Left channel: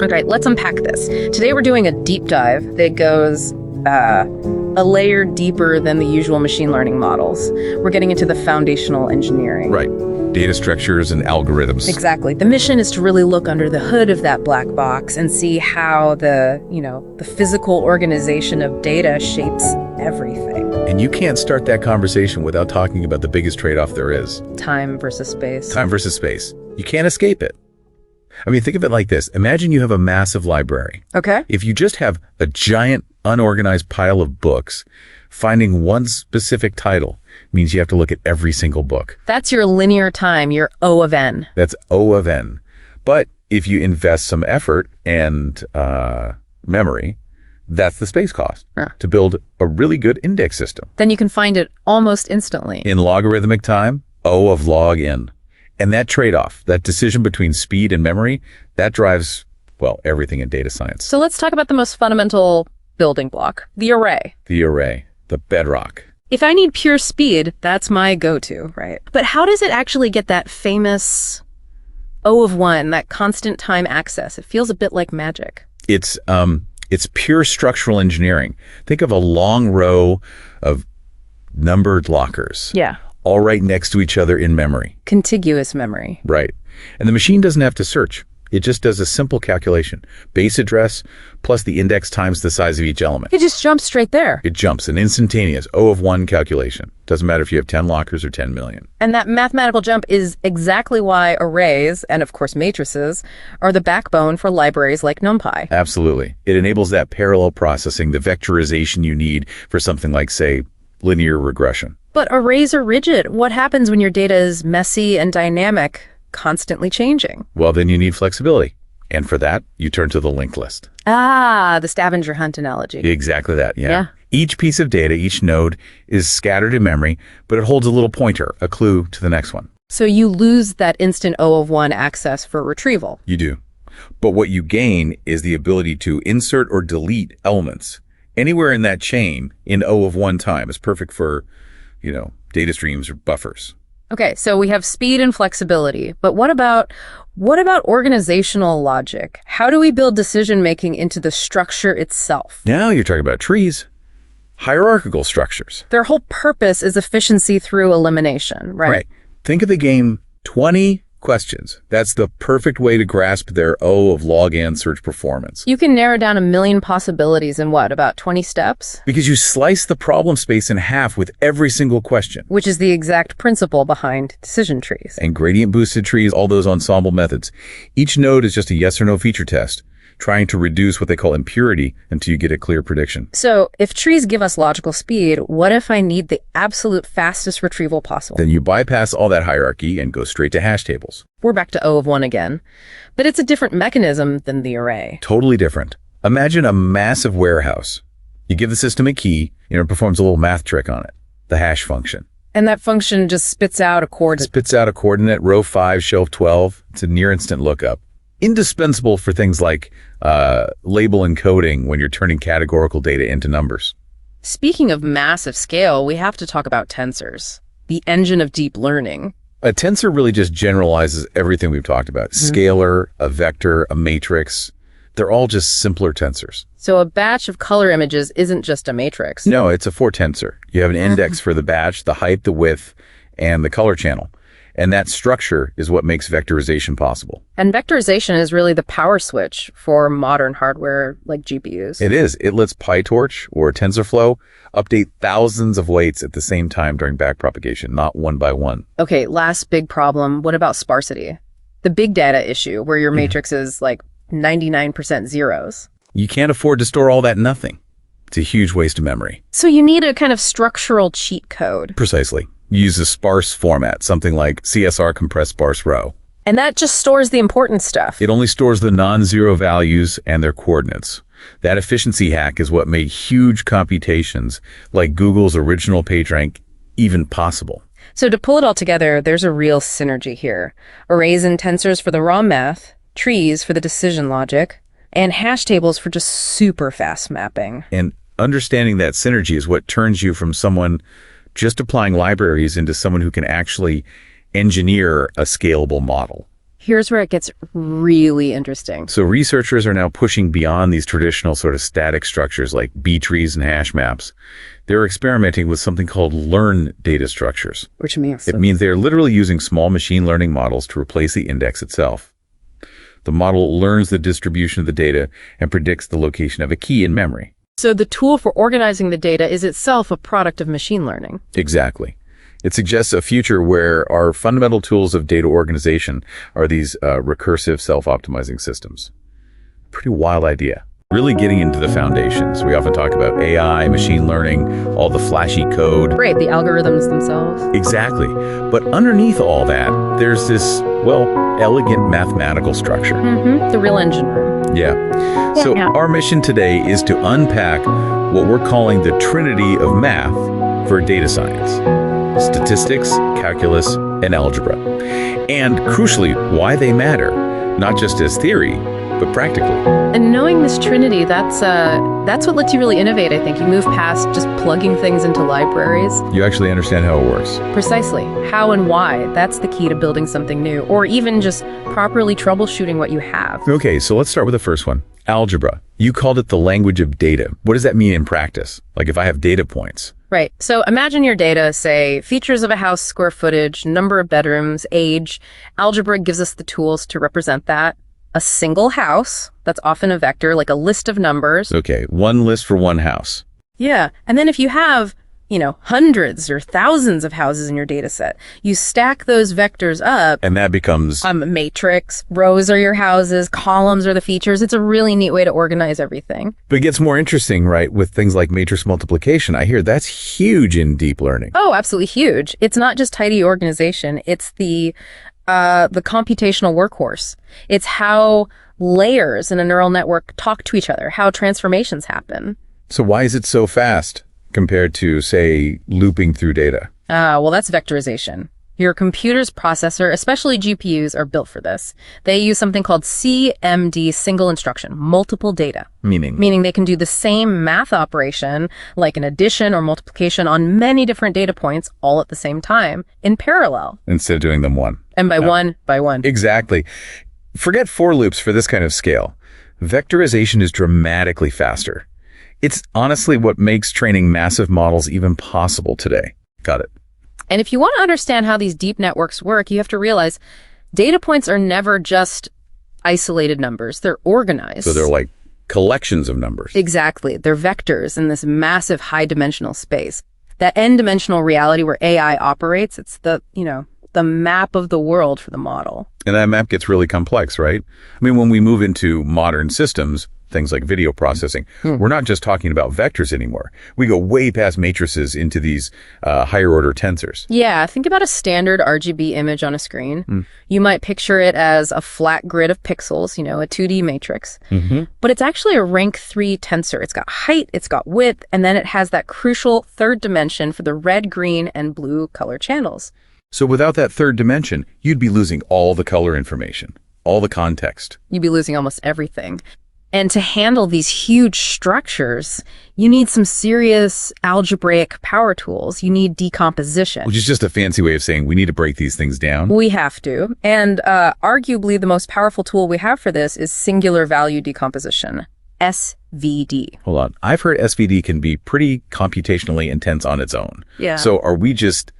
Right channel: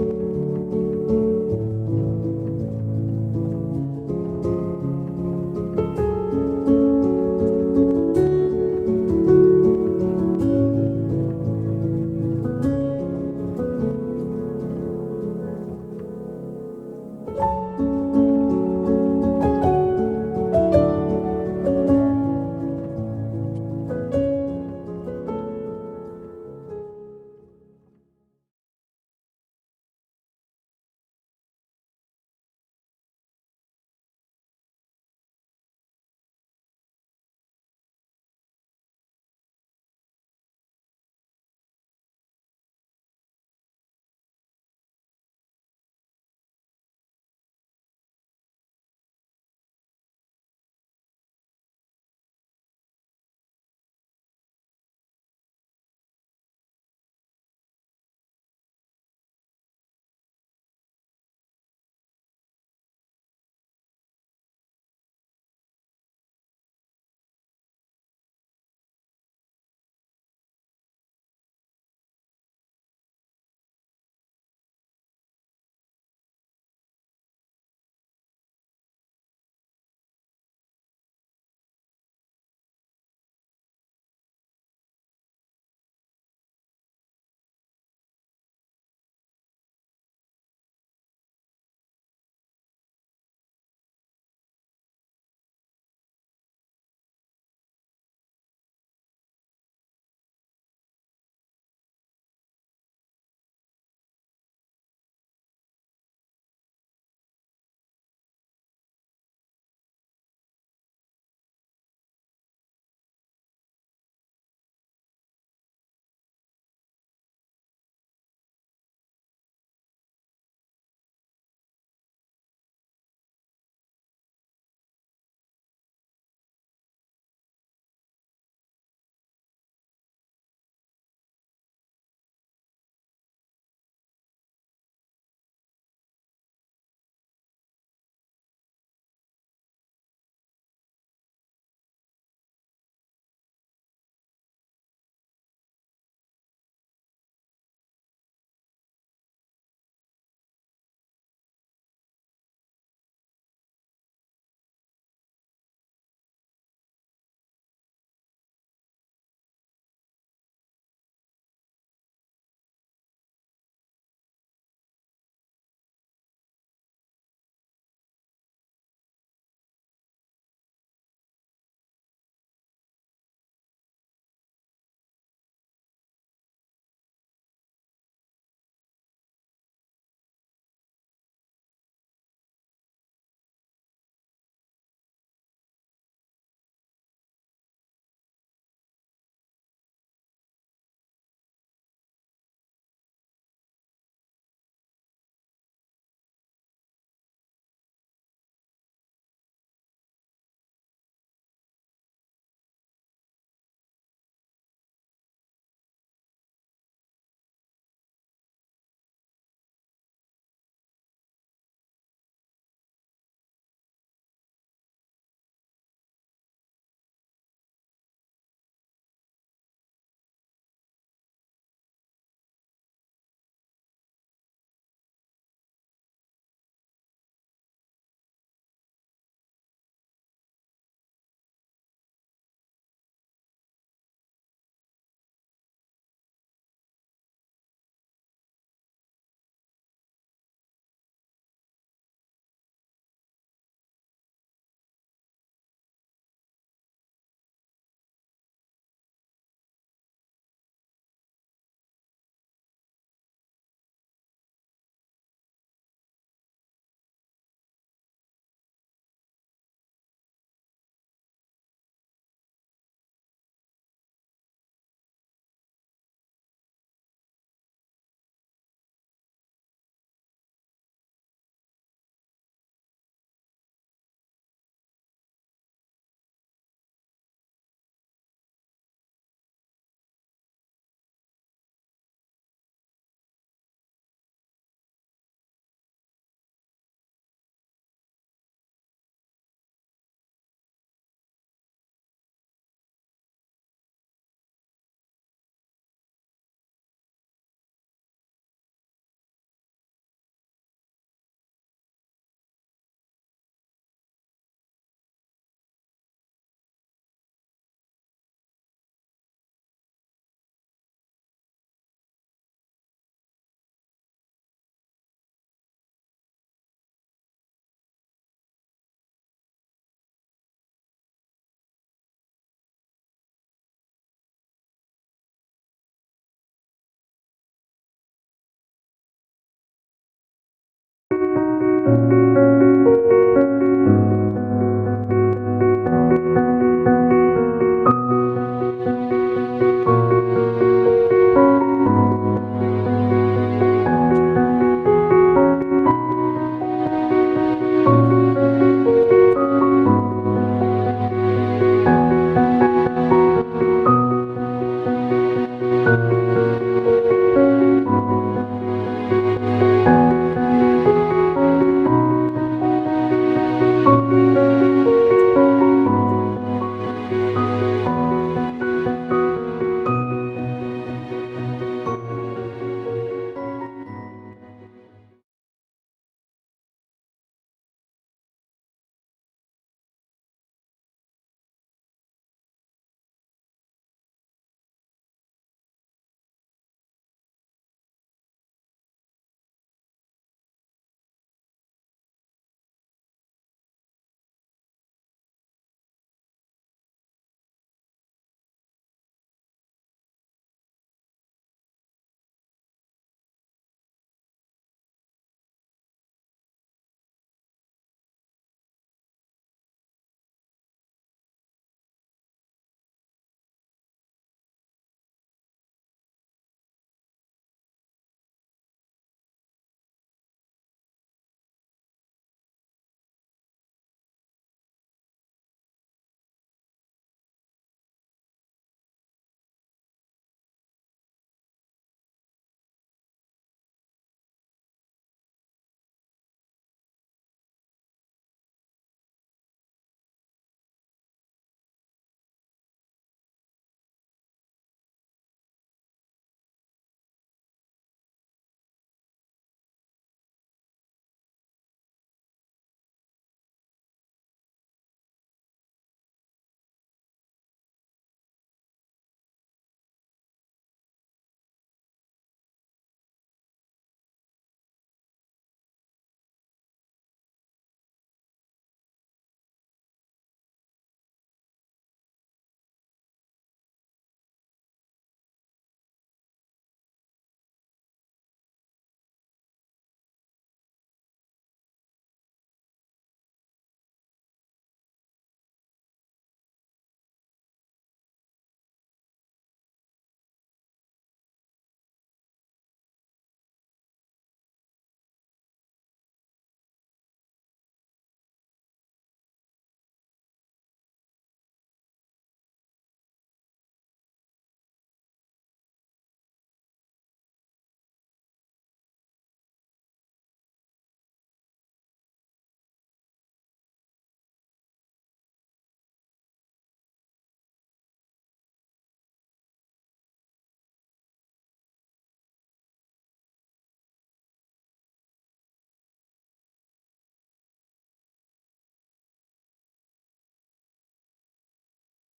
Okay, let's unpack this. Today we're doing a deep dive that goes a layer deeper than the usual machine learning models. We're getting into the foundational engineering. Right. Data structures and algorithms. Exactly. The mission is to really look under the hood of that black box and see how the physical organization of data shapes everything. And you can't start that conversation without talking about the biggest trade-off there is. Time versus space. Time versus space. You can't escape it. I mean, think of it like this. Imagine you have a massive library. Okay. If you just have a giant, unorganized pile of books, finding one specific title means you have to look at every single book. That's your linear time, your O of n. That's O of n. But if you invest some effort and memory, that's the space cost to build a really good index system. Then you can find it almost instantly. In logarithmic time, O of log n. And that trade-off, that decision between speed and memory, that drives, well, everything in data science. So let's talk about the most fundamental building block, the array. The array, the bedrock. If I need pure speed, that's my go-to, right? But how does it actually get that famous O of 1, that constant time access? It feels a bit like magic. It's pure structural engineering. Think of a long row of numbered lockers. Yeah. All right next to each other in memory. Contiguous memory. Right. And the machine doesn't have to search. It just does a simple calculation. Base address plus the index times the size of each element. It just jumps straight there. It jumps, an instantaneous O of 1 calculation. Doesn't matter if you have 10 lockers or 10 million. And that mathematical jump is exactly why arrays, and of course matrices, are the backbone for libraries like NumPy. Absolutely. It enables that parallel processing, the vectorization you need for something like, say, linear regression. But arrays are rigid. What happens when your data is messy and dynamic, constantly changing? Well, then you need flexibility. And for that, you turn to the linked list. Ah, the scavenger hunt analogy. Exactly that, yeah. Each piece of data, each node, is scattered in memory, but it holds a little pointer, a clue to the next one. So you lose that instant O of 1 access for retrieval. You do. But what you gain is the ability to insert or delete elements. Anywhere in that chain in O of 1 time is perfect for, data streams or buffers. Okay, so we have speed and flexibility, but what about organizational logic? How do we build decision-making into the structure itself? Now you're talking about trees, hierarchical structures. Their whole purpose is efficiency through elimination, right? Right. Think of the game 20 questions. That's the perfect way to grasp their O of log n search performance. You can narrow down a million possibilities in what, about 20 steps? Because you slice the problem space in half with every single question. Which is the exact principle behind decision trees. And gradient boosted trees, all those ensemble methods. Each node is just a yes or no feature test, trying to reduce what they call impurity until you get a clear prediction. So if trees give us logical speed, what if I need the absolute fastest retrieval possible? Then you bypass all that hierarchy and go straight to hash tables. We're back to O of 1 again, but it's a different mechanism than the array. Totally different. Imagine a massive warehouse. You give the system a key, it performs a little math trick on it, the hash function. And that function just spits out a coordinate. Spits out a coordinate, row 5, shelf 12. It's a near instant lookup. Indispensable for things like label encoding when you're turning categorical data into numbers. Speaking of massive scale, we have to talk about tensors, the engine of deep learning. A tensor really just generalizes everything we've talked about. Scalar, a vector, a matrix. They're all just simpler tensors. So a batch of color images isn't just a matrix. No, it's a 4-tensor. You have an index for the batch, the height, the width, and the color channel. And that structure is what makes vectorization possible. And vectorization is really the power switch for modern hardware like GPUs. It is. It lets PyTorch or TensorFlow update thousands of weights at the same time during backpropagation, not one by one. Okay, last big problem. What about sparsity? The big data issue where your matrix is like 99% zeros. You can't afford to store all that in nothing. It's a huge waste of memory. So you need a kind of structural cheat code. Precisely. Use a sparse format, something like CSR compressed sparse row. And that just stores the important stuff. It only stores the non-zero values and their coordinates. That efficiency hack is what made huge computations like Google's original PageRank even possible. So to pull it all together, there's a real synergy here. Arrays and tensors for the raw math, trees for the decision logic, and hash tables for just super fast mapping. And understanding that synergy is what turns you from someone just applying libraries into someone who can actually engineer a scalable model. Here's where it gets really interesting. So researchers are now pushing beyond these traditional sort of static structures like B-trees and hash maps. They're experimenting with something called learn data structures. Which means? It means they're literally using small machine learning models to replace the index itself. The model learns the distribution of the data and predicts the location of a key in memory. So the tool for organizing the data is itself a product of machine learning. Exactly. It suggests a future where our fundamental tools of data organization are these recursive self-optimizing systems. Pretty wild idea. Really getting into the foundations. We often talk about AI, machine learning, all the flashy code. Right, the algorithms themselves. Exactly. But underneath all that, there's this, well, elegant mathematical structure. The real engine room. Yeah. So our mission today is to unpack what we're calling the trinity of math for data science: statistics, calculus, and algebra. And crucially, why they matter, not just as theory, but practically. And knowing this trinity, that's what lets you really innovate, I think. You move past just plugging things into libraries. You actually understand how it works. Precisely. How and why. That's the key to building something new, or even just properly troubleshooting what you have. Okay, so let's start with the first one. Algebra. You called it the language of data. What does that mean in practice? Like if I have data points. Right. So imagine your data, say, features of a house, square footage, number of bedrooms, age. Algebra gives us the tools to represent that. A single house, that's often a vector, like a list of numbers. Okay, one list for one house. Yeah. And then if you have, hundreds or thousands of houses in your data set, you stack those vectors up. And that becomes a matrix. Rows are your houses, columns are the features. It's a really neat way to organize everything. But it gets more interesting, right, with things like matrix multiplication. I hear that's huge in deep learning. Oh, absolutely huge. It's not just tidy organization. It's the computational workhorse. It's how layers in a neural network talk to each other, how transformations happen. So why is it so fast compared to, say, looping through data? Well, that's vectorization. Your computer's processor, especially GPUs, are built for this. They use something called CMD, single instruction, multiple data. Meaning they can do the same math operation, like an addition or multiplication, on many different data points all at the same time, in parallel. Instead of doing them one. And by one. Exactly. Forget for loops for this kind of scale. Vectorization is dramatically faster. It's honestly what makes training massive models even possible today. Got it. And if you want to understand how these deep networks work, you have to realize data points are never just isolated numbers. They're organized. So they're like collections of numbers. Exactly. They're vectors in this massive high-dimensional space. That n-dimensional reality where AI operates, it's the map of the world for the model. And that map gets really complex, right? I mean, when we move into modern systems, things like video processing, we're not just talking about vectors anymore. We go way past matrices into these higher order tensors. Yeah, think about a standard RGB image on a screen. You might picture it as a flat grid of pixels, a 2D matrix. But it's actually a rank 3 tensor. It's got height, it's got width, and then it has that crucial third dimension for the red, green, and blue color channels. So without that third dimension, you'd be losing all the color information, all the context. You'd be losing almost everything. And to handle these huge structures, you need some serious algebraic power tools. You need decomposition. Which is just a fancy way of saying we need to break these things down. We have to. And arguably the most powerful tool we have for this is singular value decomposition, SVD. Hold on. I've heard SVD can be pretty computationally intense on its own. Yeah. So are we just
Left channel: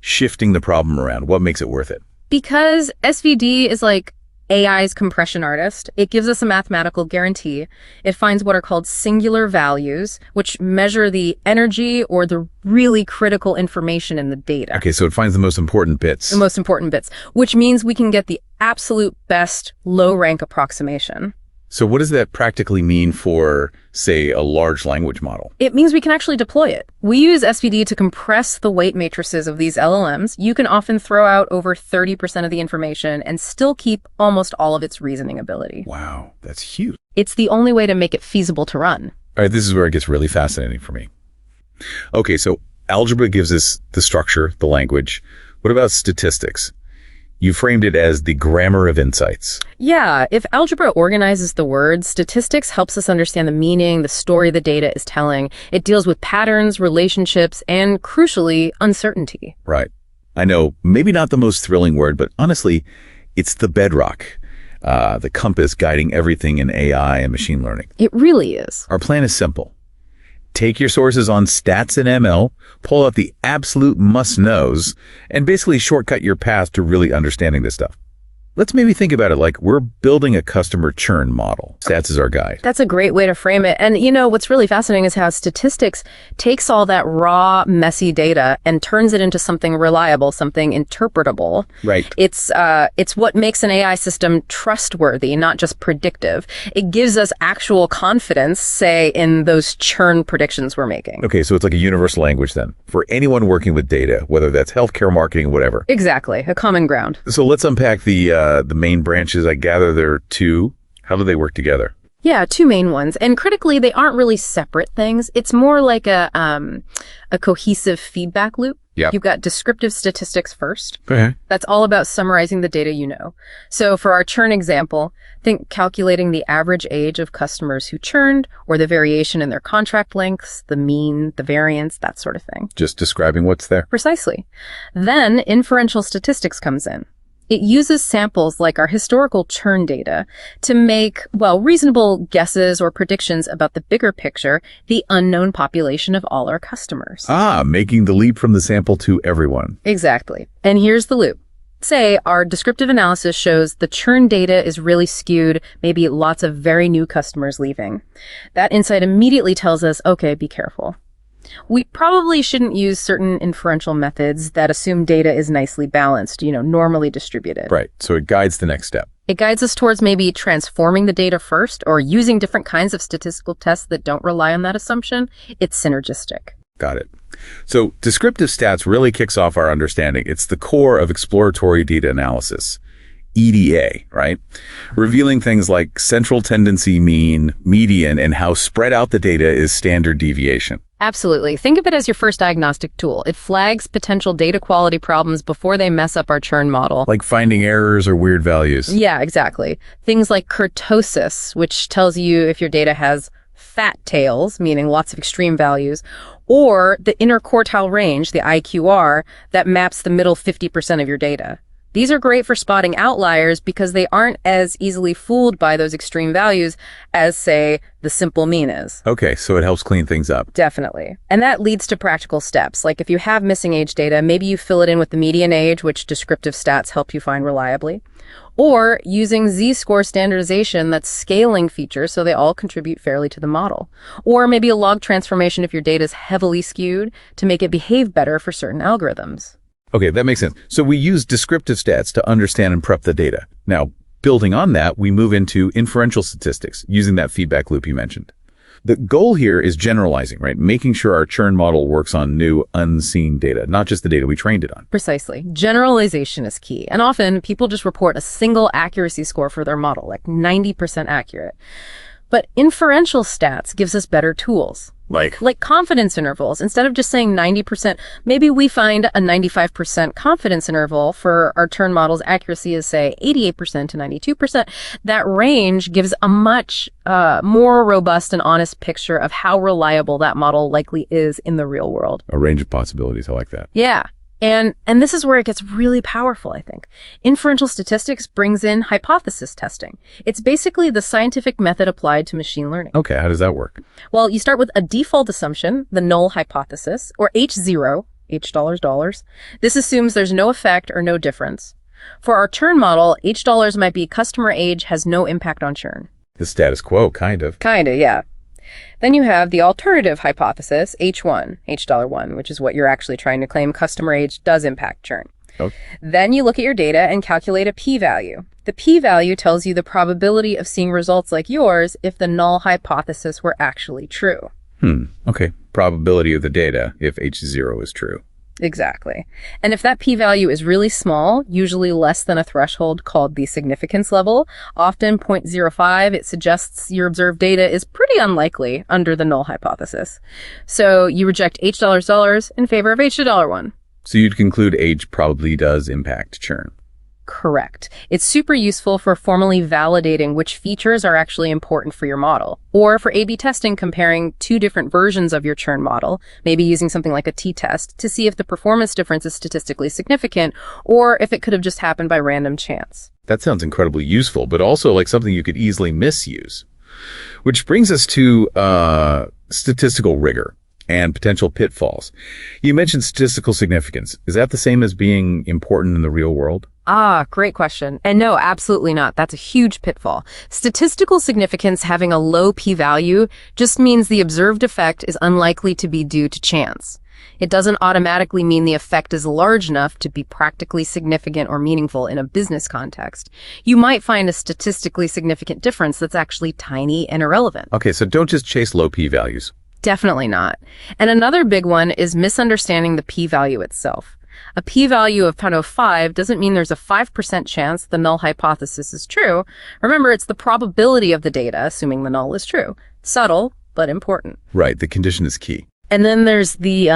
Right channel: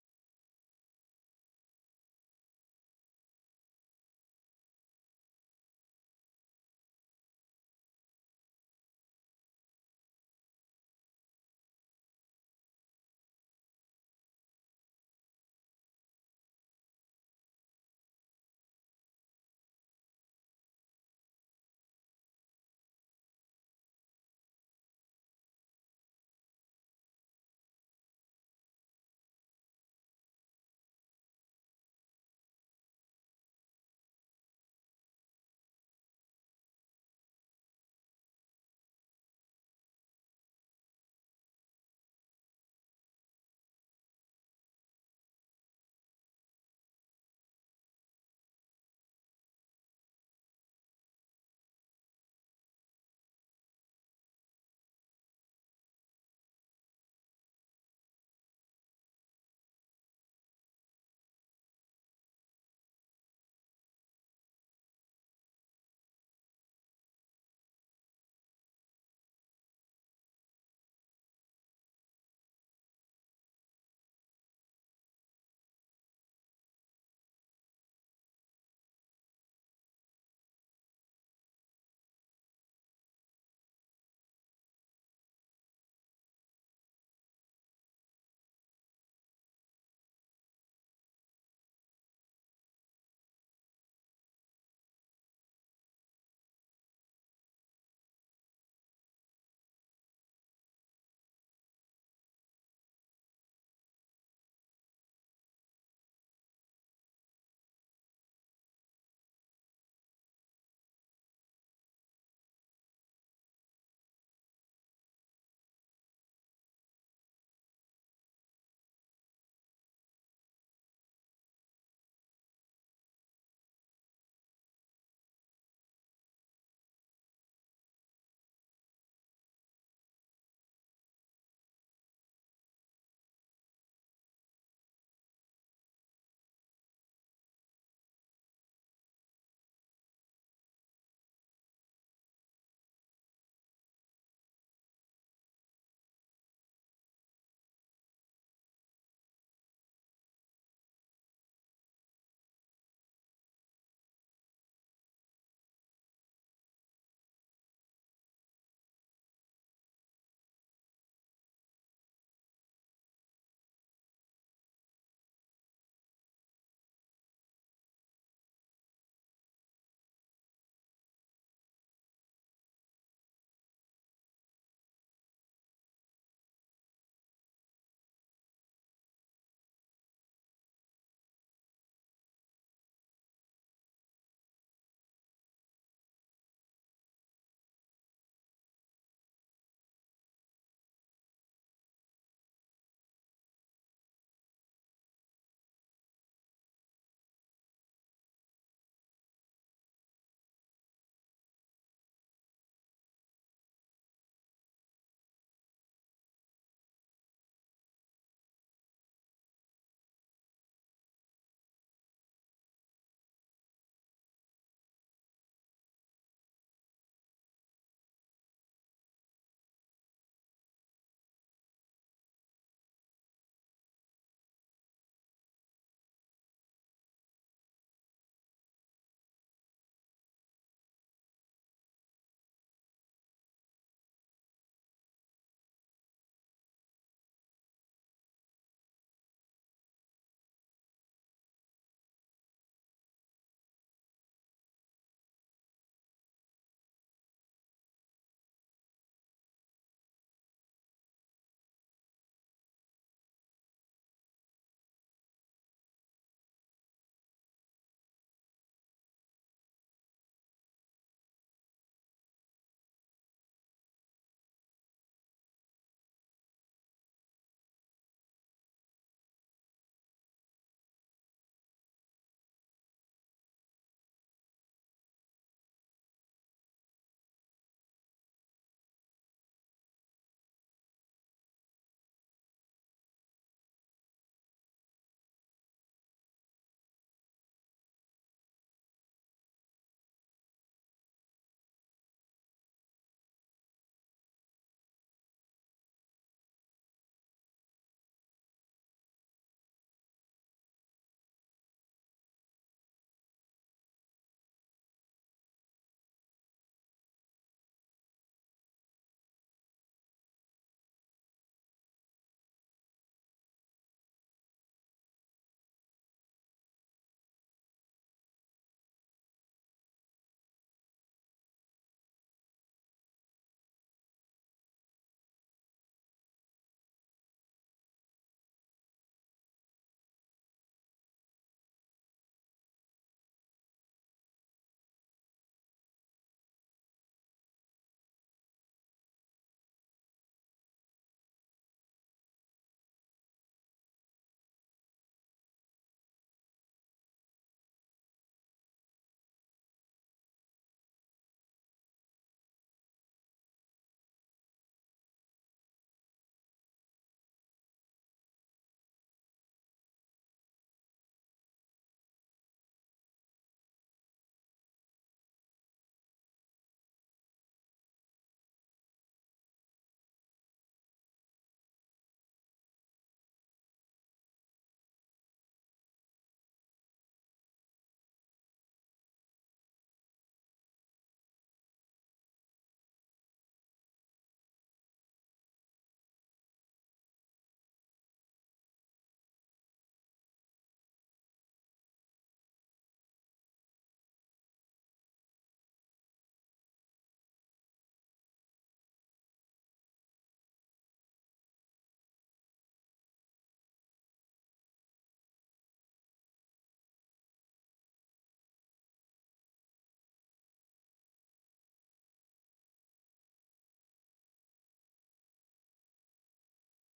shifting the problem around? What makes it worth it? Because SVD is like AI's compression artist. It gives us a mathematical guarantee. It finds what are called singular values, which measure the energy or the really critical information in the data. Okay, so it finds the most important bits. The most important bits, which means we can get the absolute best low-rank approximation. So what does that practically mean for, say, a large language model? It means we can actually deploy it. We use SVD to compress the weight matrices of these LLMs. You can often throw out over 30% of the information and still keep almost all of its reasoning ability. Wow, that's huge. It's the only way to make it feasible to run. All right, this is where it gets really fascinating for me. Okay, so algebra gives us the structure, the language. What about statistics? You framed it as the grammar of insights. Yeah, if algebra organizes the words, statistics helps us understand the meaning, the story the data is telling. It deals with patterns, relationships, and crucially, uncertainty. Right. I know, maybe not the most thrilling word, but honestly, It's the bedrock, the compass guiding everything in AI and machine learning. It really is. Our plan is simple. Take your sources on stats and ML, pull out the absolute must-knows, and basically shortcut your path to really understanding this stuff. Let's maybe think about it like we're building a customer churn model. Stats is our guide. That's a great way to frame it. And you know, what's really fascinating is how statistics takes all that raw, messy data and turns it into something reliable, something interpretable. Right. It's what makes an AI system trustworthy, not just predictive. It gives us actual confidence, say, in those churn predictions we're making. Okay, so it's like a universal language then for anyone working with data, whether that's healthcare, marketing, whatever. Exactly, a common ground. So let's unpack the main branches. I gather there are two. How do they work together? Yeah, two main ones. And critically, they aren't really separate things. It's more like a cohesive feedback loop. Yeah. You've got descriptive statistics first. Okay. That's all about summarizing the data you know. So for our churn example, think calculating the average age of customers who churned or the variation in their contract lengths, the mean, the variance, that sort of thing. Just describing what's there. Precisely. Then inferential statistics comes in. It uses samples like our historical churn data to make, well, reasonable guesses or predictions about the bigger picture, the unknown population of all our customers. Making the leap from the sample to everyone. Exactly. And here's the loop. Say our descriptive analysis shows the churn data is really skewed, maybe lots of very new customers leaving. That insight immediately tells us, okay, be careful. We probably shouldn't use certain inferential methods that assume data is nicely balanced, normally distributed. Right. So it guides the next step. It guides us towards maybe transforming the data first or using different kinds of statistical tests that don't rely on that assumption. It's synergistic. Got it. So descriptive stats really kicks off our understanding. It's the core of exploratory data analysis. EDA, right? Revealing things like central tendency mean, median, and how spread out the data is standard deviation. Absolutely. Think of it as your first diagnostic tool. It flags potential data quality problems before they mess up our churn model. Like finding errors or weird values. Yeah, exactly. Things like kurtosis, which tells you if your data has fat tails, meaning lots of extreme values, or the inner quartile range, the IQR, that maps the middle 50% of your data. These are great for spotting outliers because they aren't as easily fooled by those extreme values as, say, the simple mean is. Okay, so it helps clean things up. Definitely. And that leads to practical steps. Like if you have missing age data, maybe you fill it in with the median age, which descriptive stats help you find reliably. Or using z-score standardization that's scaling features so they all contribute fairly to the model. Or maybe a log transformation if your data is heavily skewed to make it behave better for certain algorithms. Okay, that makes sense. So we use descriptive stats to understand and prep the data. Now, building on that, we move into inferential statistics using that feedback loop you mentioned. The goal here is generalizing, right? Making sure our churn model works on new, unseen data, not just the data we trained it on. Precisely. Generalization is key. And often people just report a single accuracy score for their model, like 90% accurate. But inferential stats gives us better tools. Like Confidence intervals. Instead of just saying 90%, maybe we find a 95% confidence interval for our churn model's accuracy is, say, 88% to 92%. That range gives a much more robust and honest picture of how reliable that model likely is in the real world. a range of possibilities. I like that. Yeah. And this is where it gets really powerful, I think. Inferential statistics brings in hypothesis testing. It's basically the scientific method applied to machine learning. Okay, how does that work? Well, you start with a default assumption, the null hypothesis, or H0, H dollars. This assumes there's no effect or no difference. For our churn model, H dollars might be customer age has no impact on churn. The status quo, kind of. Kinda, yeah. Then you have the alternative hypothesis, H1, H$1, which is what you're actually trying to claim customer age does impact churn. Okay. Then you look at your data and calculate a p-value. The p-value tells you the probability of seeing results like yours if the null hypothesis were actually true. Okay. Probability of the data if H0 is true. Exactly. And if that p-value is really small, usually less than a threshold called the significance level, often 0.05, it suggests your observed data is pretty unlikely under the null hypothesis. So you reject H$, in favor of H$1. So you'd conclude age probably does impact churn. Correct. It's super useful for formally validating which features are actually important for your model, or for A/B testing, comparing two different versions of your churn model, maybe using something like a t-test to see if the performance difference is statistically significant, or if it could have just happened by random chance. That sounds incredibly useful, but also like something you could easily misuse. Which brings us to statistical rigor and potential pitfalls. You mentioned statistical significance. Is that the same as being important in the real world? Great question. And no, absolutely not. That's a huge pitfall. Statistical significance having a low p-value just means the observed effect is unlikely to be due to chance. It doesn't automatically mean the effect is large enough to be practically significant or meaningful in a business context. You might find a statistically significant difference that's actually tiny and irrelevant. Okay, so don't just chase low p-values. Definitely not. And another big one is misunderstanding the p-value itself. A p-value of 0.05 doesn't mean there's a 5% chance the null hypothesis is true. Remember, it's the probability of the data, assuming the null is true. Subtle, but important. Right, the condition is key. And then there's the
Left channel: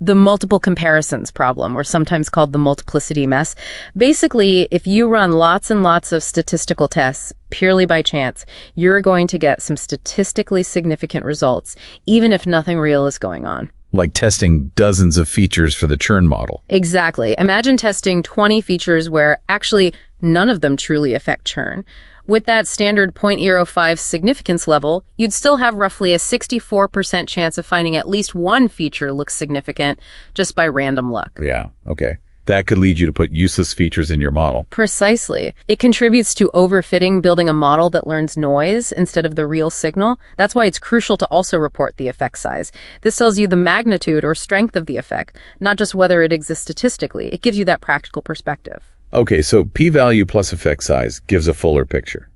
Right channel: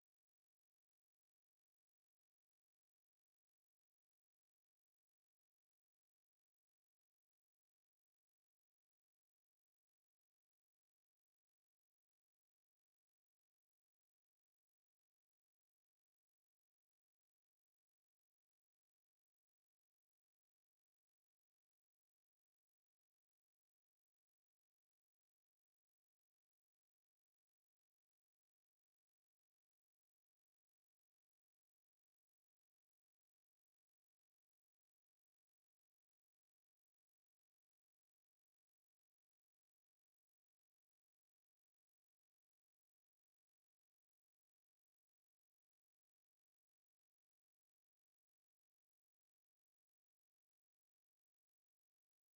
multiple comparisons problem, or sometimes called the multiplicity mess. Basically, if you run lots and lots of statistical tests purely by chance, you're going to get some statistically significant results, even if nothing real is going on. Like testing dozens of features for the churn model. Exactly. Imagine testing 20 features where actually none of them truly affect churn. With that standard 0.05 significance level, you'd still have roughly a 64% chance of finding at least one feature looks significant just by random luck. Yeah, okay. That could lead you to put useless features in your model. Precisely. It contributes to overfitting, building a model that learns noise instead of the real signal. That's why it's crucial to also report the effect size. This tells you the magnitude or strength of the effect, not just whether it exists statistically. It gives you that practical perspective. Okay, so p-value plus effect size gives a fuller picture.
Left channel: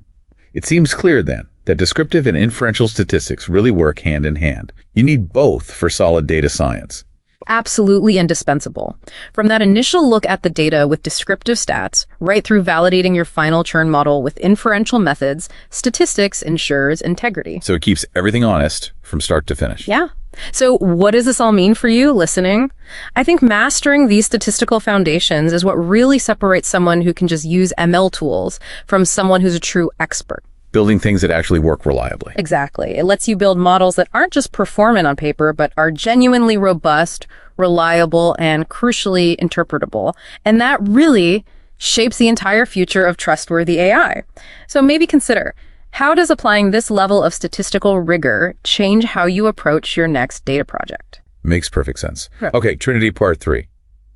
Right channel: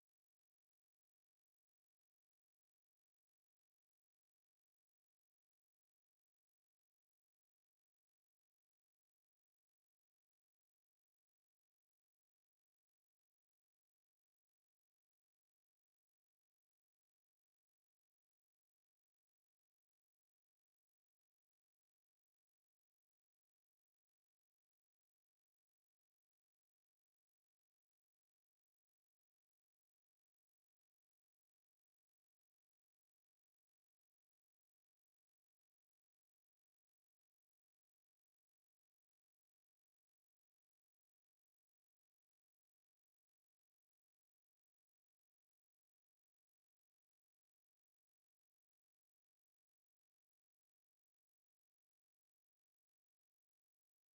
It seems clear then that descriptive and inferential statistics really work hand in hand. You need both for solid data science. Absolutely indispensable. From that initial look at the data with descriptive stats, right through validating your final churn model with inferential methods, statistics ensures integrity. So it keeps everything honest from start to finish. Yeah. So what does this all mean for you listening? I think mastering these statistical foundations is what really separates someone who can just use ML tools from someone who's a true expert. Building things that actually work reliably. Exactly. It lets you build models that aren't just performant on paper, but are genuinely robust, reliable, and crucially interpretable. And that really shapes the entire future of trustworthy AI. So maybe consider, how does applying this level of statistical rigor change how you approach your next data project? Makes perfect sense. Sure. Okay, Trinity Part 3.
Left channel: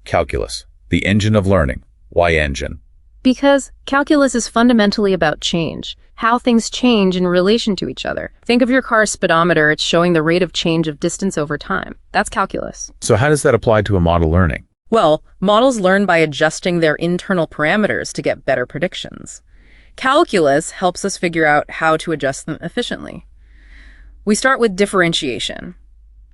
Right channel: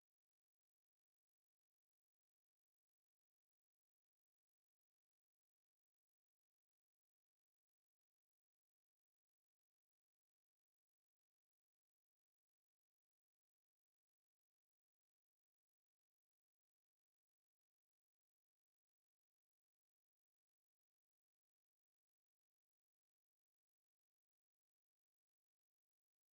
Calculus, the engine of learning. Why engine? Because calculus is fundamentally about change, how things change in relation to each other. Think of your car's speedometer. It's showing the rate of change of distance over time. That's calculus. So how does that apply to a model learning? Well, models learn by adjusting their internal parameters to get better predictions. Calculus helps us figure out how to adjust them efficiently. We start with differentiation.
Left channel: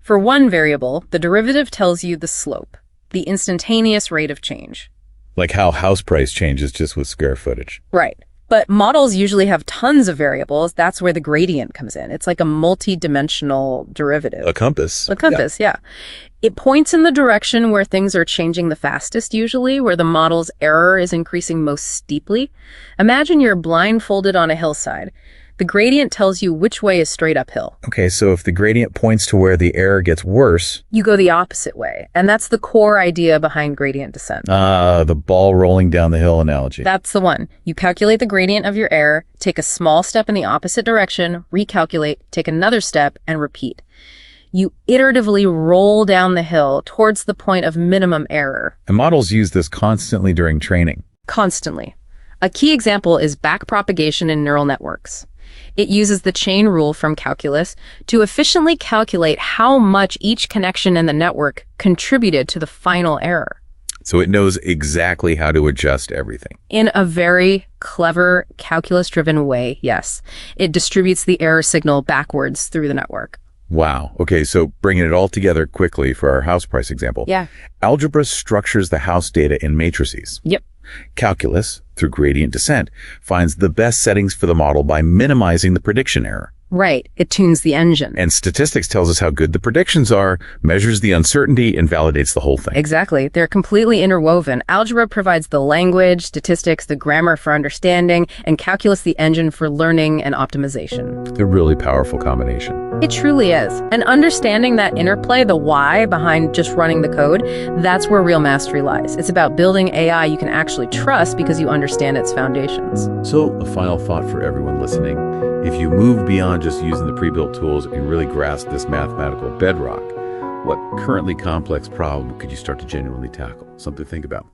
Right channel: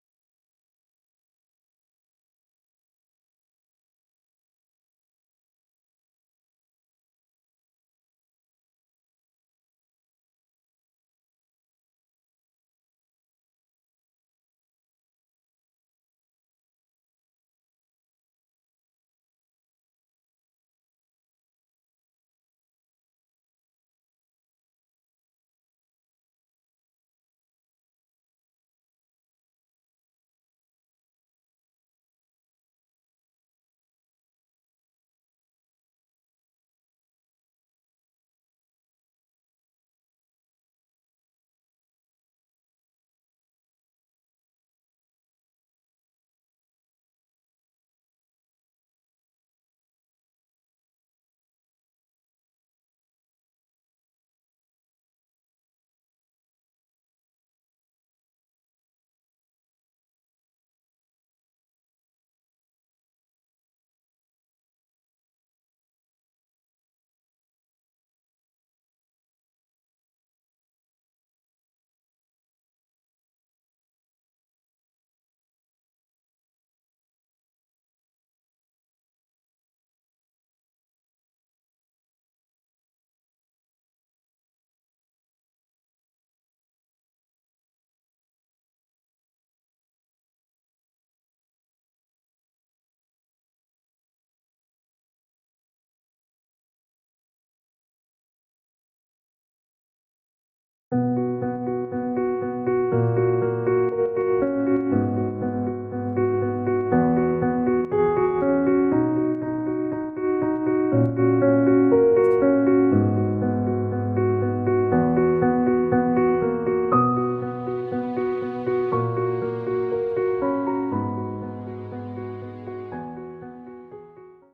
For one variable, the derivative tells you the slope, the instantaneous rate of change. Like how house price changes just with square footage. Right. But models usually have tons of variables. That's where the gradient comes in. It's like a multi-dimensional derivative. A compass. A compass, yeah. It points in the direction where things are changing the fastest, usually, where the model's error is increasing most steeply. Imagine you're blindfolded on a hillside. The gradient tells you which way is straight uphill. Okay, so if the gradient points to where the error gets worse... You go the opposite way. And that's the core idea behind gradient descent. The ball rolling down the hill analogy. That's the one. You calculate the gradient of your error, take a small step in the opposite direction, recalculate, take another step, and repeat. You iteratively roll down the hill towards the point of minimum error. And models use this constantly during training. Constantly. A key example is backpropagation in neural networks. It uses the chain rule from calculus to efficiently calculate how much each connection in the network contributed to the final error. So it knows exactly how to adjust everything. In a very clever, calculus-driven way, yes. It distributes the error signal backwards through the network. Wow. Okay, so bringing it all together quickly for our house price example. Yeah. Algebra structures the house data in matrices. Yep. Calculus, through gradient descent, finds the best settings for the model by minimizing the prediction error. Right. It tunes the engine. And statistics tells us how good the predictions are, measures the uncertainty, and validates the whole thing. Exactly. They're completely interwoven. Algebra provides the language, statistics, the grammar for understanding, and calculus the engine for learning and optimization. A really powerful combination. It truly is. And understanding that interplay, the why behind just running the code, that's where real mastery lies. It's about building AI you can actually trust because you understand its foundations. So, a final thought for everyone listening. If you move beyond just using the pre-built tools and really grasp this mathematical bedrock, what currently complex problem could you start to genuinely tackle? Something to think about.